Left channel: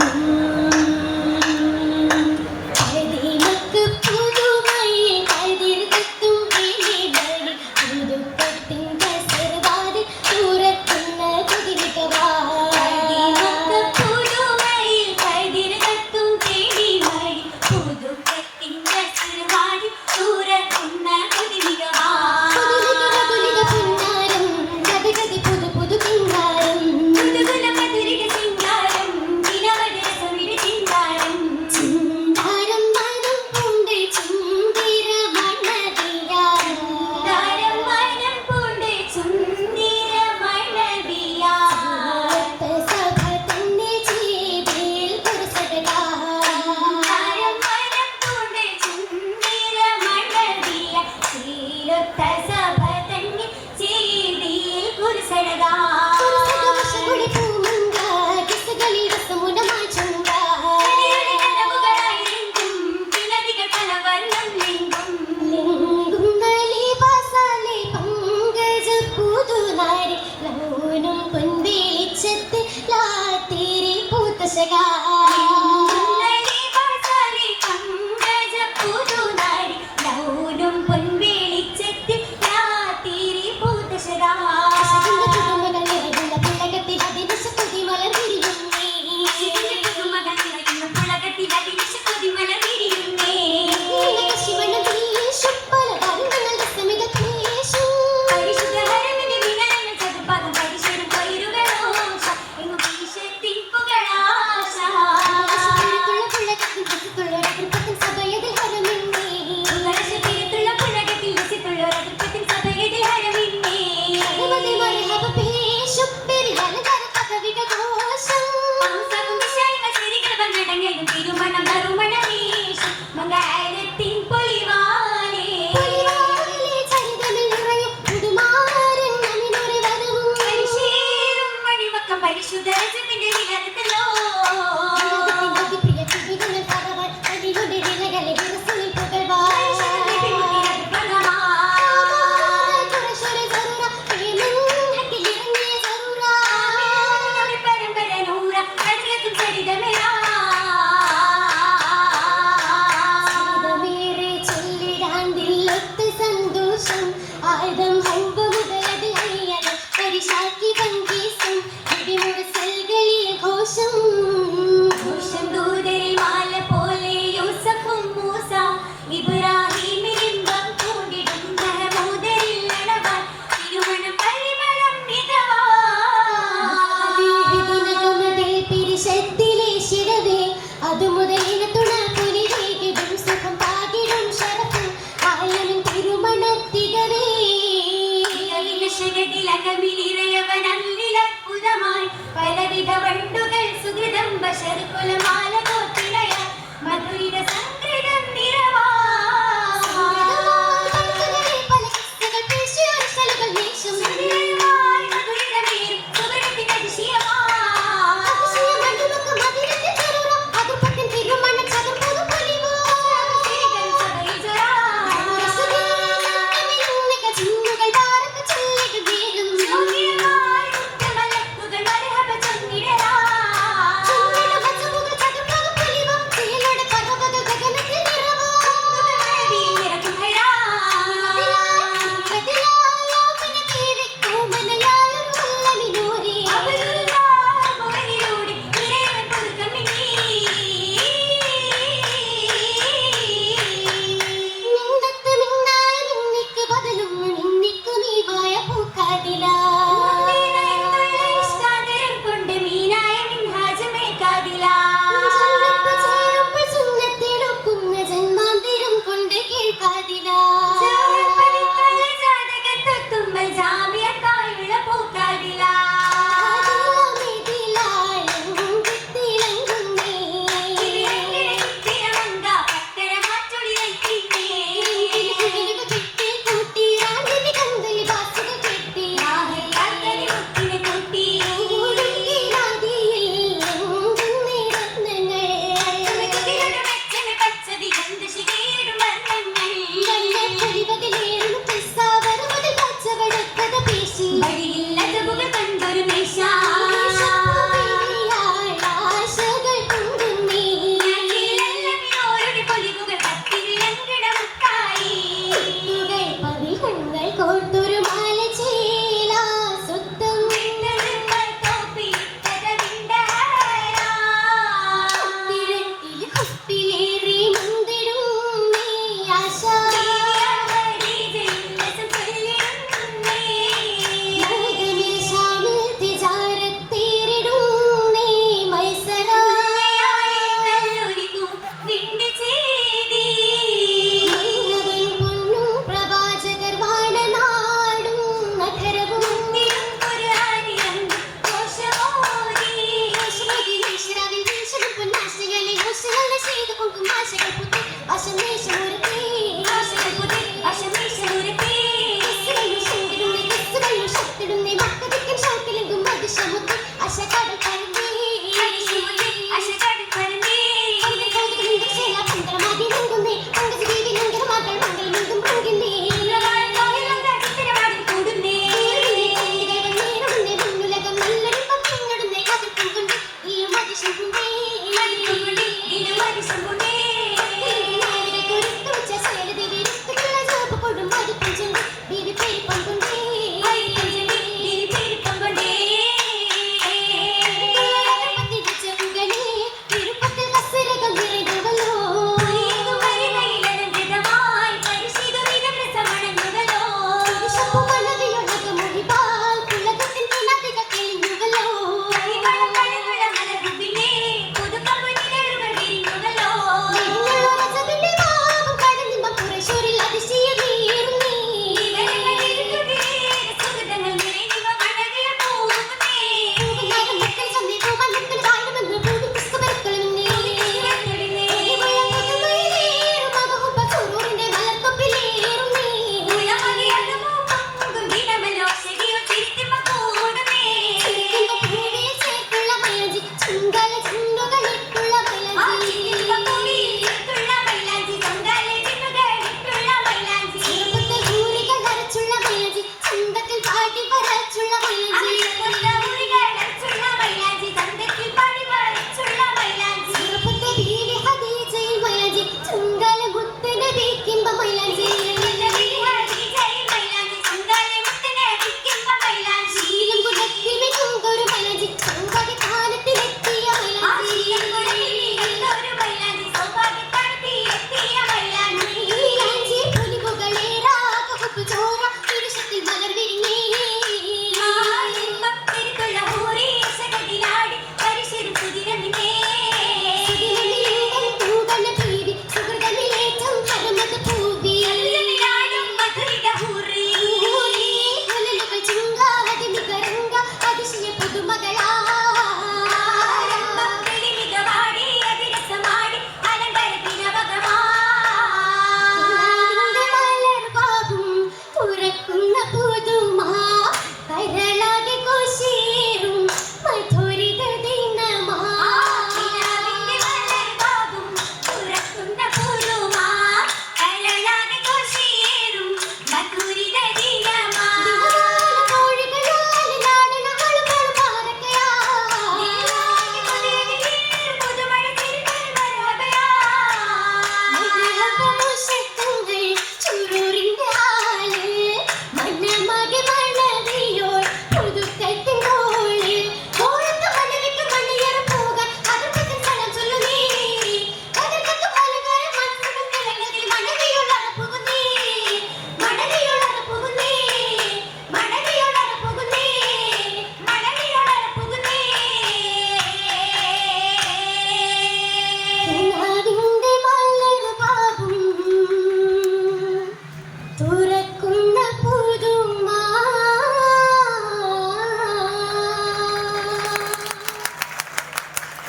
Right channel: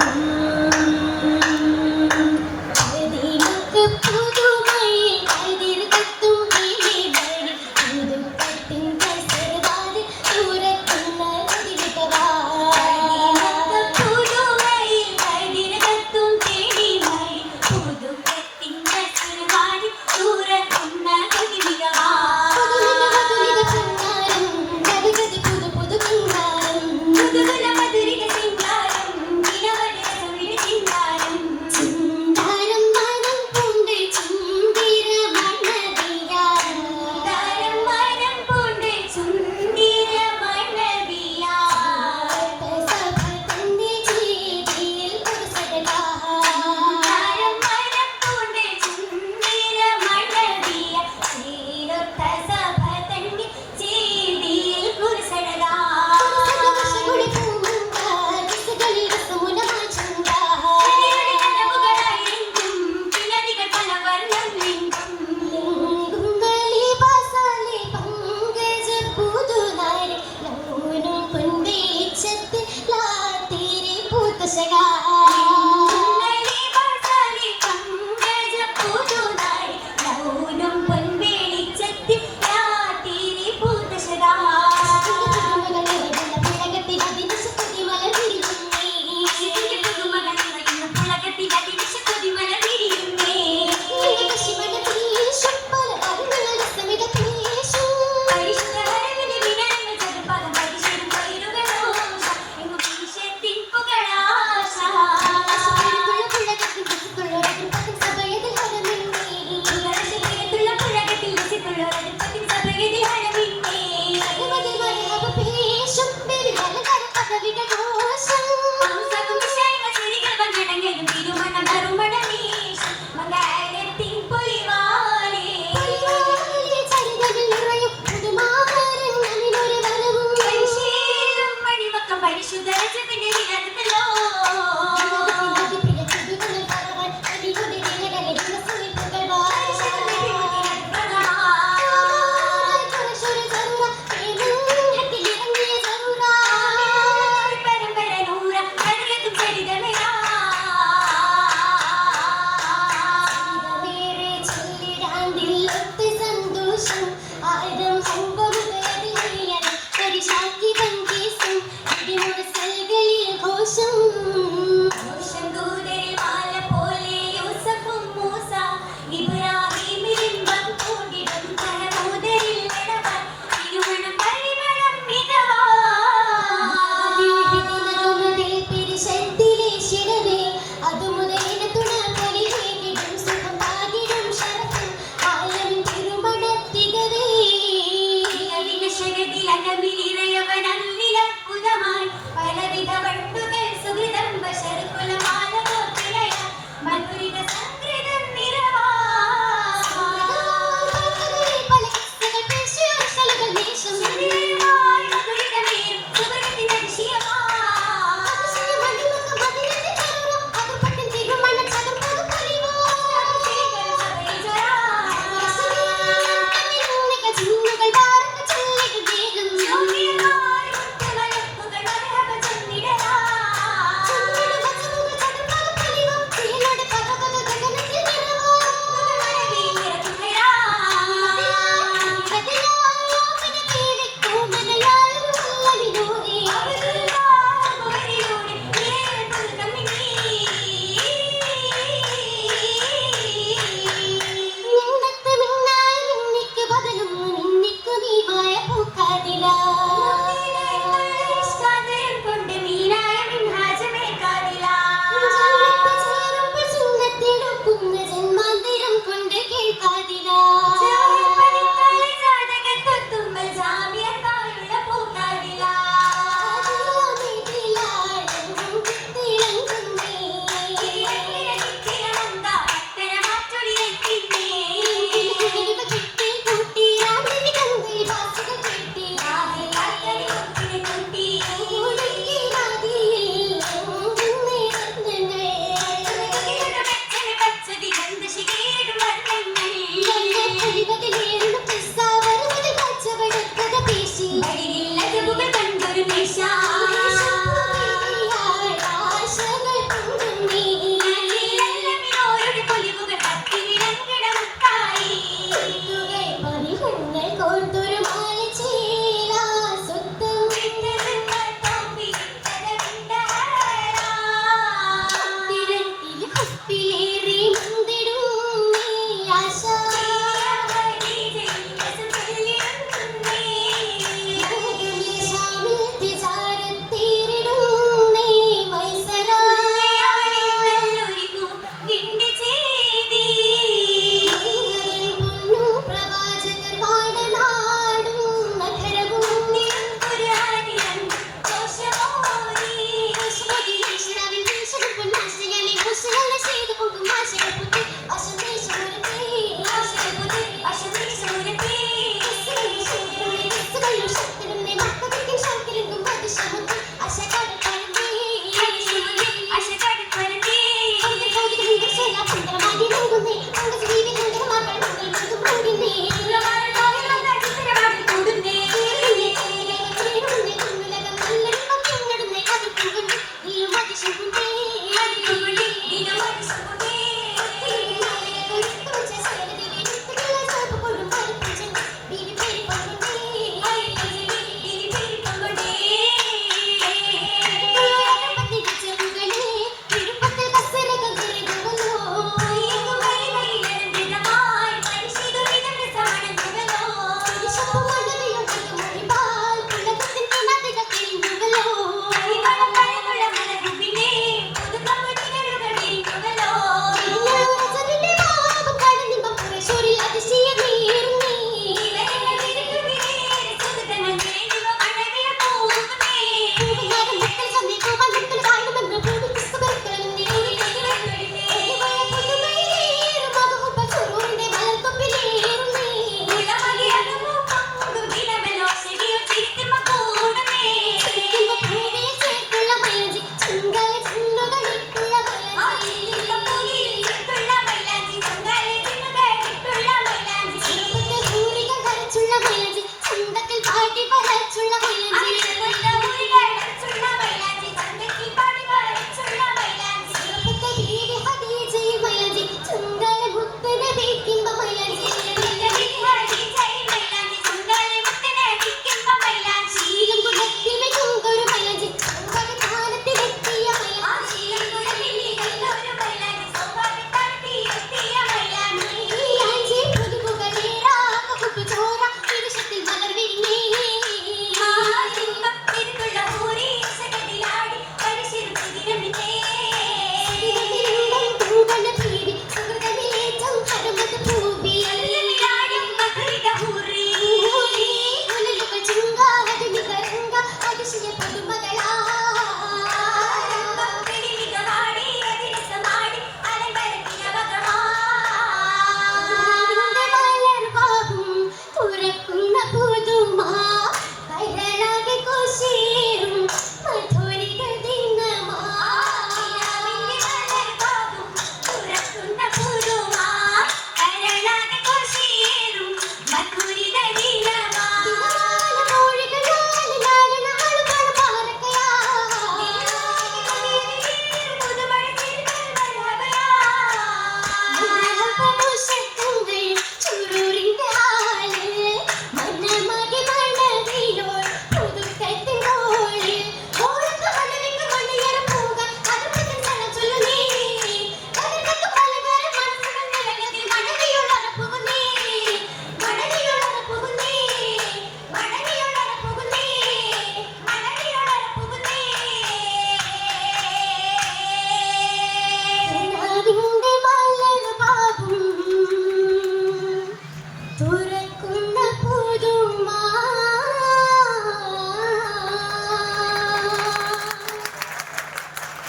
Uhum.